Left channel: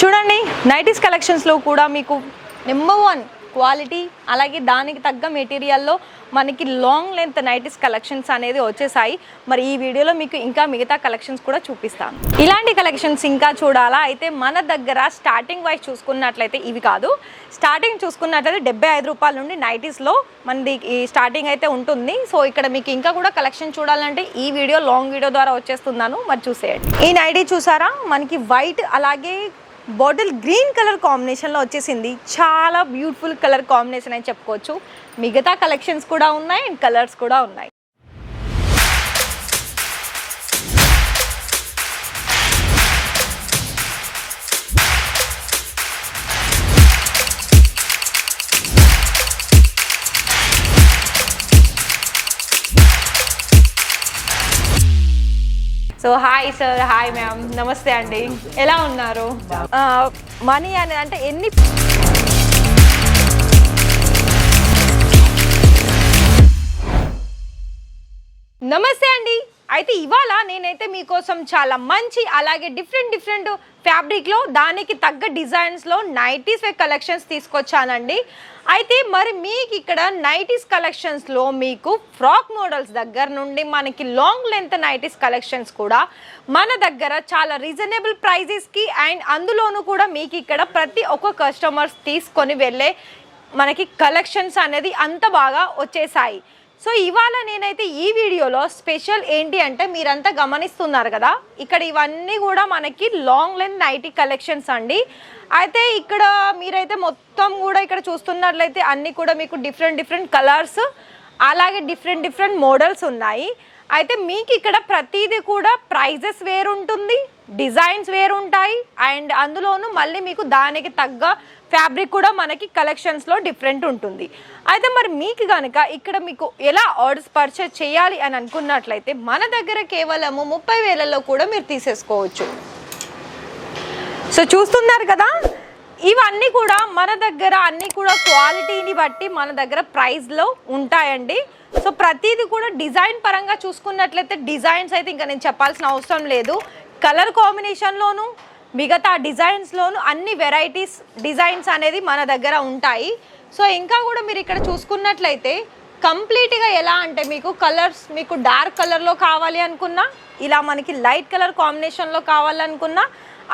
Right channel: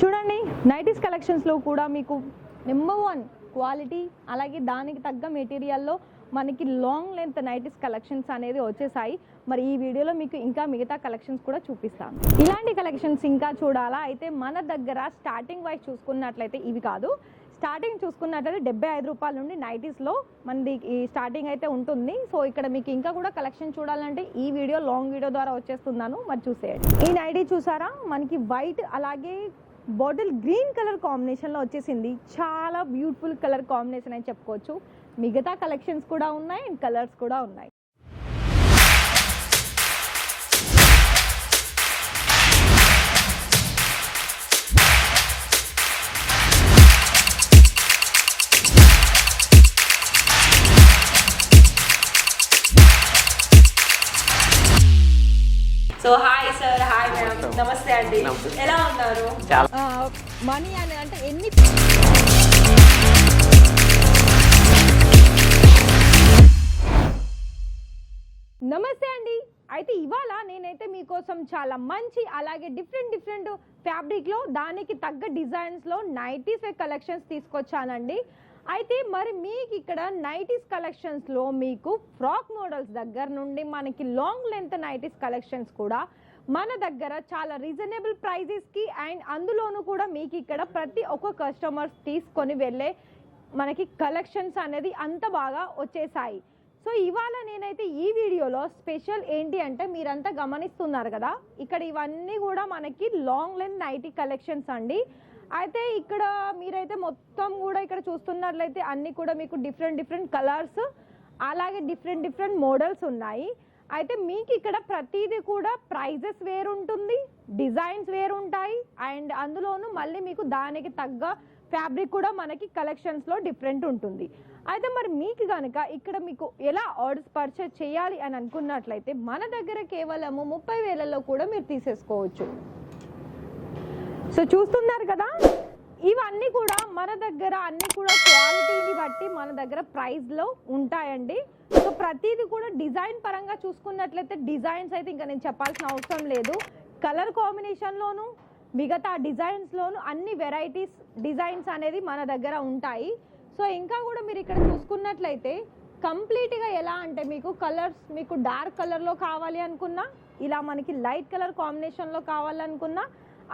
చూడండి నైటీస్ కలెక్షన్స్లో కూడా మీకు నెంబర్ 1 క్వాలిటీ అలాగే దానికి తగ్గ మెటీరియల్లో మనకి లాంగ్ లెంత్ నైటీస్ కలెక్షన్స్ అనేది వచ్చేసాయి. మరి ఈ వీడియోలో మీకు ఇంకా మిగతా కలెక్షన్స్ కూడా చూపిస్తాను. ఇలాంటి కలెక్షన్స్ ఇంకా చూడాలా అయితే మన దగ్గర స్టార్టింగ్ వైజ్ చూసుకున్నట్లయితే ఇవి కాదు, స్టార్టింగ్ చూసుకున్నట్లయితే 75 రూపాయల నుండి నైటీస్లో మనది ఈ స్టార్టింగ్ అయితే ఉంటుంది. సో ఇక్కడ మీకు ఇంకా కూడా కలెక్షన్ చూడాలంటే ఈ వీడియో లాంగ్ వీడియో ద్వారా వచ్చేస్తున్నాను, మరి చూసేయండి. ఈ నైటీ చూసారా, మనకి వైట్ అలాగే బాటిల్ గ్రీన్ కలర్ కాంబినేషన్లో వచ్చేసింది. చాలా బ్యూటిఫుల్ కలర్ కాంబినేషన్ అని చెప్పుకోవచ్చు. మిగతా కలెక్షన్స్ కూడా ఉన్నాయి అండ్ కలర్స్ కూడా ఉన్నాయి. So hi sir, hi ma'am, నమస్తే అండి, ఎలా ఉన్నారు? మనీ అని అంటే ఎన్ని నమస్తే అండి. అయితే ఇవాళ నేనైతే మీకోసం చాలా మంచి అలాగే డిఫరెంట్ ఫ్యాబ్రిక్లో దానికి తగ్గ డిజైన్స్లో నైటీస్ కలెక్షన్స్ తీసుకొచ్చానండి. అయితే మరి మీకు ఇక్కడ నైటీస్ కలెక్షన్స్లో మీకు ఫ్రాక్ మోడల్స్ దగ్గర నుండి మనకి లాంగ్ లెంత్ నైటీస్ కలెక్షన్స్ కూడా మన దగ్గర చాలా రీజనబుల్ ప్రైజెస్కి అండ్ అందులోనూ కూడా మీకు ఇక్కడ ప్రతి ఒక్క కస్టమర్స్ తీసుకొని వెళ్ళే మనకి కలెక్షన్స్ అనేది అంత బాగా వచ్చేసాయి. సో ఇవాళ నేనైతే ఈ వీడియోలో స్పెషల్ ఏంటి అంటే మీరంతా గమనిస్తున్నారు కదా, ఇక్కడ ఇవన్నీ కూడా మనకి లాంగ్ లెంత్ నైటీ కలెక్షన్స్ అండి. అయితే ఇక్కడ మీరైతే మొత్తం కూడా ఇక్కడ చూస్తున్నట్లయితే అన్నీ కూడా మీకు డిఫరెంట్ కలర్స్ అలాగే డిఫరెంట్ మోడల్స్ ఉన్నాయి. అయితే మీకు ఇక్కడ ప్రతిదీ కూడా ప్రైజెస్ వేరుంటుంది, డిజైన్స్ వేరుంటాయి అండ్ అందులోనూ మళ్ళీ మీకు దానికి తగ్గ ఫ్యాబ్రిక్ కూడా మనకి కలెక్షన్స్లో డిఫరెంట్ ఉంటుంది. అయితే మరి మీకు కనుక ఇక్కడ మీకు ఎలా ఆర్డర్స్ పర్చేజ్ చేయాలి అని అనుకున్నట్లయితే మన దగ్గర కేవలము 30,000లో కూడా మీరు తీసేసుకోవచ్చు. సో చూస్తున్నారు కదా, ఇవన్నీ కూడా మన దగ్గర అన్నీ కూడా క్వాలిటీని బట్టి మన దగ్గర ప్రైస్లో ఉంటాయండి. సో ప్రతిదీ కూడా డిజైన్ పరంగా చూసుకున్నట్లయితే డిజైన్స్ అయితే ఇంకా నేను చెప్పాల్సిన అవసరం లేదు. కలర్ కాంబినేషన్లోను మిగతా డిజైన్స్లోను అన్ని వెరైటీస్ డిజైన్స్ అనేది మన దగ్గర ఉంటాయి. సో ఇంకా కూడా మీరు ఇక్కడ చూసుకున్నట్లయితే కంప్లీట్గా ఎలా అంటే మీకు కలర్స్ మీకు డార్క్ కలర్లో కావాలి అనుకున్నా, ఇలా మనకి లైట్ కలర్ కాంబినేషన్లో కావాలనుకున్నా,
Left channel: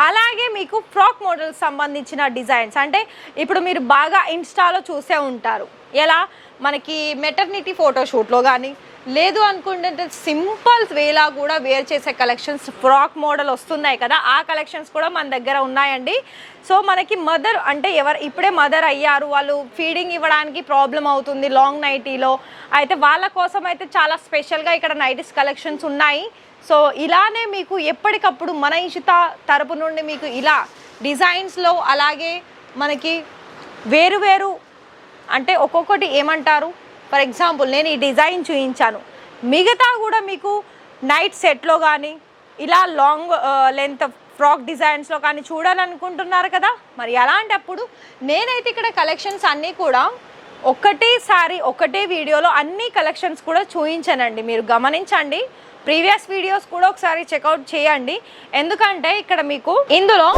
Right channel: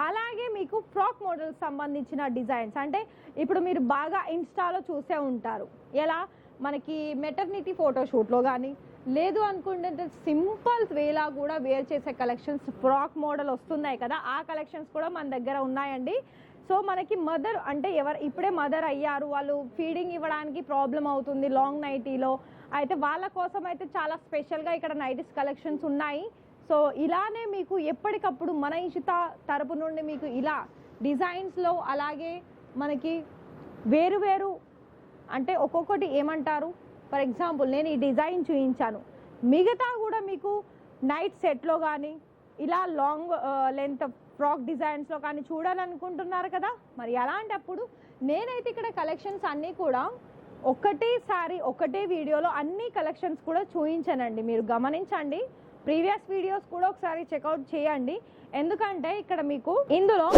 అలాగే మీకు ఫ్రాక్ మోడల్స్ సంబంధించిన డిజైన్స్ అంటే ఇప్పుడు మీరు బాగా ఇన్స్టాలో చూసే ఉంటారు, ఎలా మనకి మెటర్నిటీ ఫోటోషూట్లో కానీ లేదు అనుకుంటే సింపుల్ వేలా కూడా వేర్ చేసే కలెక్షన్స్ ఫ్రాక్ మోడల్ వస్తున్నాయి కదా, ఆ కలెక్షన్స్ కూడా మన దగ్గర ఉన్నాయండి. సో మనకి మదర్ అంటే ఇప్పుడే మదర్ అయ్యారు, వాళ్ళు ఫీడింగ్ ఇవ్వడానికి ప్రాబ్లం అవుతుంది లాంగ్ నైటీలో, అయితే వాళ్ళ కోసం అయితే చాలా స్పెషల్గా ఇక్కడ నైటీస్ కలెక్షన్స్ ఉన్నాయి. సో ఇలానే మీకు ఎప్పటికప్పుడు మన ఇషిత తరపు నుండి మీకు ఇలా డిజైన్స్లో అలాగే మనకి వేరు అంటే ఒక్కొక్కటి ఏమంటారు, ఫర్ ఎగ్జాంపుల్ నేను ఈ డిజైన్ చూపించాను, మిగతా కూడా మీకు నైట్ సెట్లో కానీ ఇలా లాంగ్ లెంత్ ఫ్రాక్ డిజైన్స్లో కానీ చూడాలనుకుంటున్నారు కదా, మరి అలాంటప్పుడు నేనైతే ఇక్కడ కలెక్షన్స్ అన్నీ కూడా ఒకటే వీడియోలో అన్ని కలెక్షన్స్ కూడా చూపించానండి. మీరు గమనించండి, ప్రీవియస్ వీడియోస్ కూడా ఒకసారి చెక్అవుట్ చేయండి. ఎందుకంటే ఇక్కడ మీకు ఇందులో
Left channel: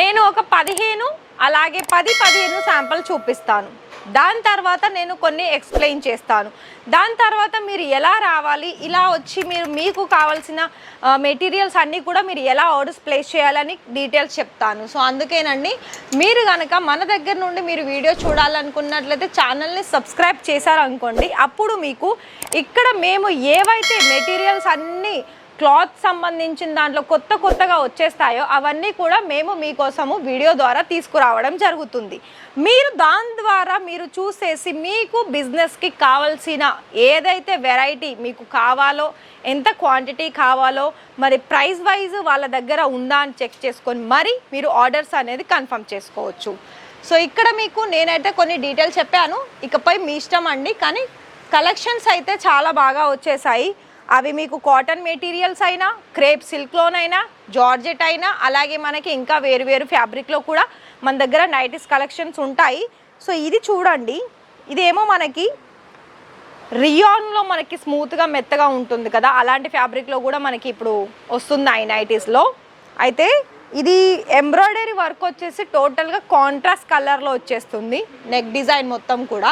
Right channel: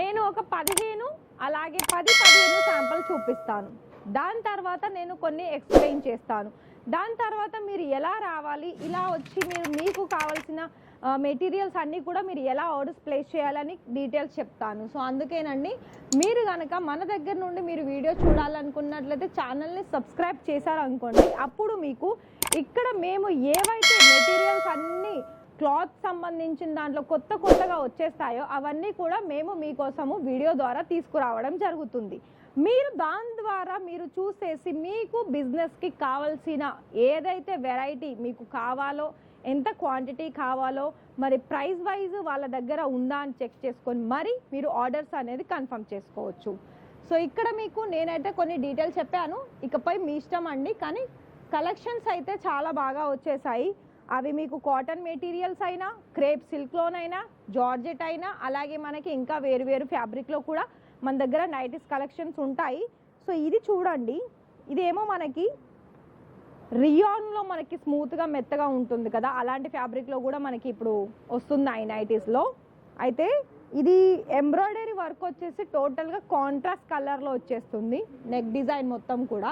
నేను ఒక 15 అలాగే 10-15 శాంపుల్ చూపిస్తాను. దాని తర్వాత నేను కొన్ని ఎక్స్ప్లెయిన్ చేస్తాను. దాని తర్వాత మీరు ఎలా రావాలి, ఇలా వచ్చి మీకు కావాల్సిన మెటీరియల్స్ అన్నీ కూడా మీరు ఎలా ఆర్డర్స్ ప్లేస్ చేయాలని డీటెయిల్స్ చెప్తాను. సో అందుకేనండి, మీరు కనుక మన దగ్గర నుండి మీరు వీడియో చూడాలనుకున్నట్లయితే ఛానల్ని సబ్స్క్రైబ్ చేశారనుకోండి, అప్పుడు మీకు ఇక్కడ మేము ఏవైతే మెటీరియల్స్ అన్నీ క్లాత్ సంబంధించిన దాంట్లో కొత్తగా వచ్చేస్తాయో అవన్నీ కూడా మేము మీకోసము వీడియో ద్వారా తీసుకురావడం జరుగుతుంది. మీరు దాని ద్వారా మీరు చూసేసి మీకు బిజినెస్కి కావాల్సిన ఏదైతే వెరైటీ మీకు కావాలో, ఎంత క్వాంటిటీ కావాలో, మరి ప్రైస్ వైజ్ వాళ్ళ దగ్గర ఉందా అని చెక్ చేసుకొని మరి మీరు ఆర్డర్స్ అనేది కన్ఫర్మ్ చేసుకోవచ్చు. సో ఇక్కడ మీకు నేనైతే కొన్ని డీటెయిల్స్ చెప్పాను, ఇకపై మీ ఇష్టం అండి. కానీ కలెక్షన్స్ అయితే చాలా బాగా వచ్చేసాయి. అవి మీకు కాటన్ మెటీరియల్స్ అయినా, క్రేప్ సిల్క్లోనైనా, జార్జెట్ అయినా, అలాగే మనకి ఇంకా వేరు ఫ్యాబ్రిక్లో కూడా మన దగ్గర నైటీస్ కలెక్షన్స్ ఉంటాయి. సో ఇది చూడండి, ఇదేమో మనకి రియాన్లో మనకి స్మూత్గా మెత్తగా ఉంటుంది కదా, అలాంటి ఫ్యాబ్రిక్లో కూడా మనకి ఇప్పుడు వస్తున్నాయి నైటీస్లో. అయితే ఇది ఎంబ్రాయిడరీ వర్క్ వచ్చేసి టోటల్గా కాంట్రాస్ట్ కలర్లో వచ్చేస్తుంది నెక్ డిజైన్ మొత్తం కూడా.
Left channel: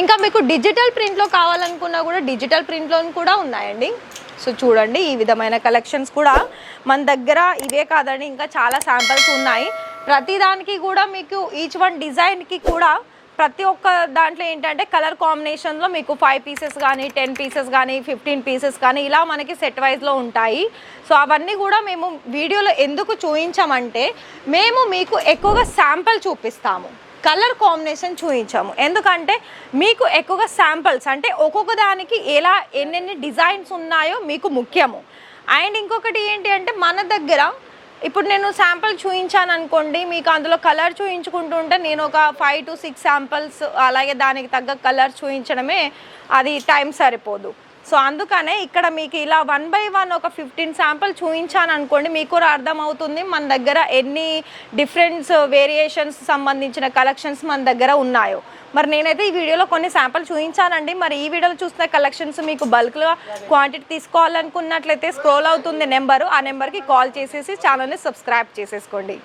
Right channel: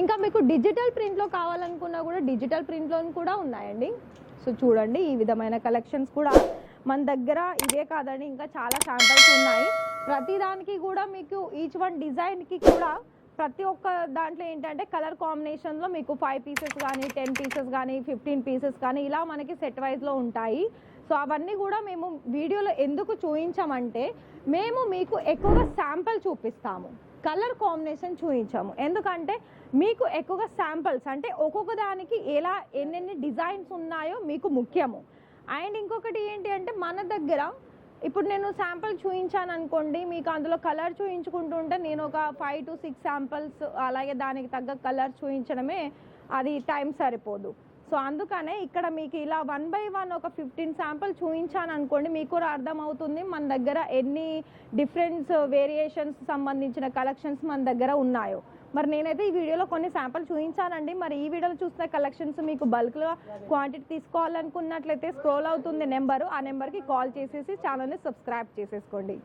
ఇంకా మీకు డిజిటల్ ప్రింట్లో కావాలనుకున్నా కూడా డిజిటల్ ప్రింట్లో కూడా ఉన్నాయండి. సో చూడండి ఈ విధమైన కలెక్షన్స్ కూడా మన దగ్గర ఇవే కాదండి, ఇంకా చాలా శాంపిల్స్ ఉన్నాయి. ప్రతిదానికి కూడా మీకు ఈచ్ వన్ డిజైన్కి కూడా ప్రతి ఒక్క దాంట్లో ఏంటంటే కలర్ కాంబినేషన్లో మీకు 5 పీసెస్ కానీ 10 పీసెస్ కానీ 15 పీసెస్ కానీ ఇలా మనకి సెట్ వైజ్లో ఉంటాయి. సో అవన్నీ కూడా మేము వీడియోలో ఎందుకు చూపించామంటే మేము మీకు ఎక్కువగా శాంపిల్ చూపిస్తాము, కలర్ కాంబినేషన్ చూపించాము. ఎందుకంటే మీకు ఎక్కువగా శాంపిల్స్ అంటే ఒక్కొక్క దానికి ఎలా ఎన్నెన్ని డిజైన్స్ ఉన్నాయో మీకు ముఖ్యము. అండ్ ఇంకొకటి ఏంటి అంటే మన దగ్గర ఇప్పుడు నేను శాంపిల్ చూపించాను అనుకోండి, మీకు అందులో కలర్ చూపించుకుంటుంటే నేను ఒక 5 to 6 శాంపిల్స్ అలాగే దానికి తగ్గ కలర్ చూపించడమే అది టైం సరిపోదు. సో అందుకనే ఇక్కడ మీకు ఇలా 1 by 1 ఒక 15 శాంపిల్ చూపించాను అనుకోండి, మీకు కూడా అర్థమవుతుంది మన దగ్గర ఎన్ని డిఫరెంట్స్ వేరియేషన్స్ సంబంధించిన కలెక్షన్స్ మన దగ్గర ఉన్నాయో. మరి నేనైతే ఈ వీడియోలో కొన్ని శాంపిల్ చూపించానండి. మరి ఈ వీడియోలో చూసిన కలెక్షన్స్ మీకు బల్క్గా క్వాంటిటీ తీసుకోవాలనుకున్నట్లయితే స్క్రోల్ అవుతుంది నెంబరు, ఆ నెంబర్కి కాల్ చేసేసి ఛానల్ని సబ్స్క్రైబ్ చేసేసుకోండి.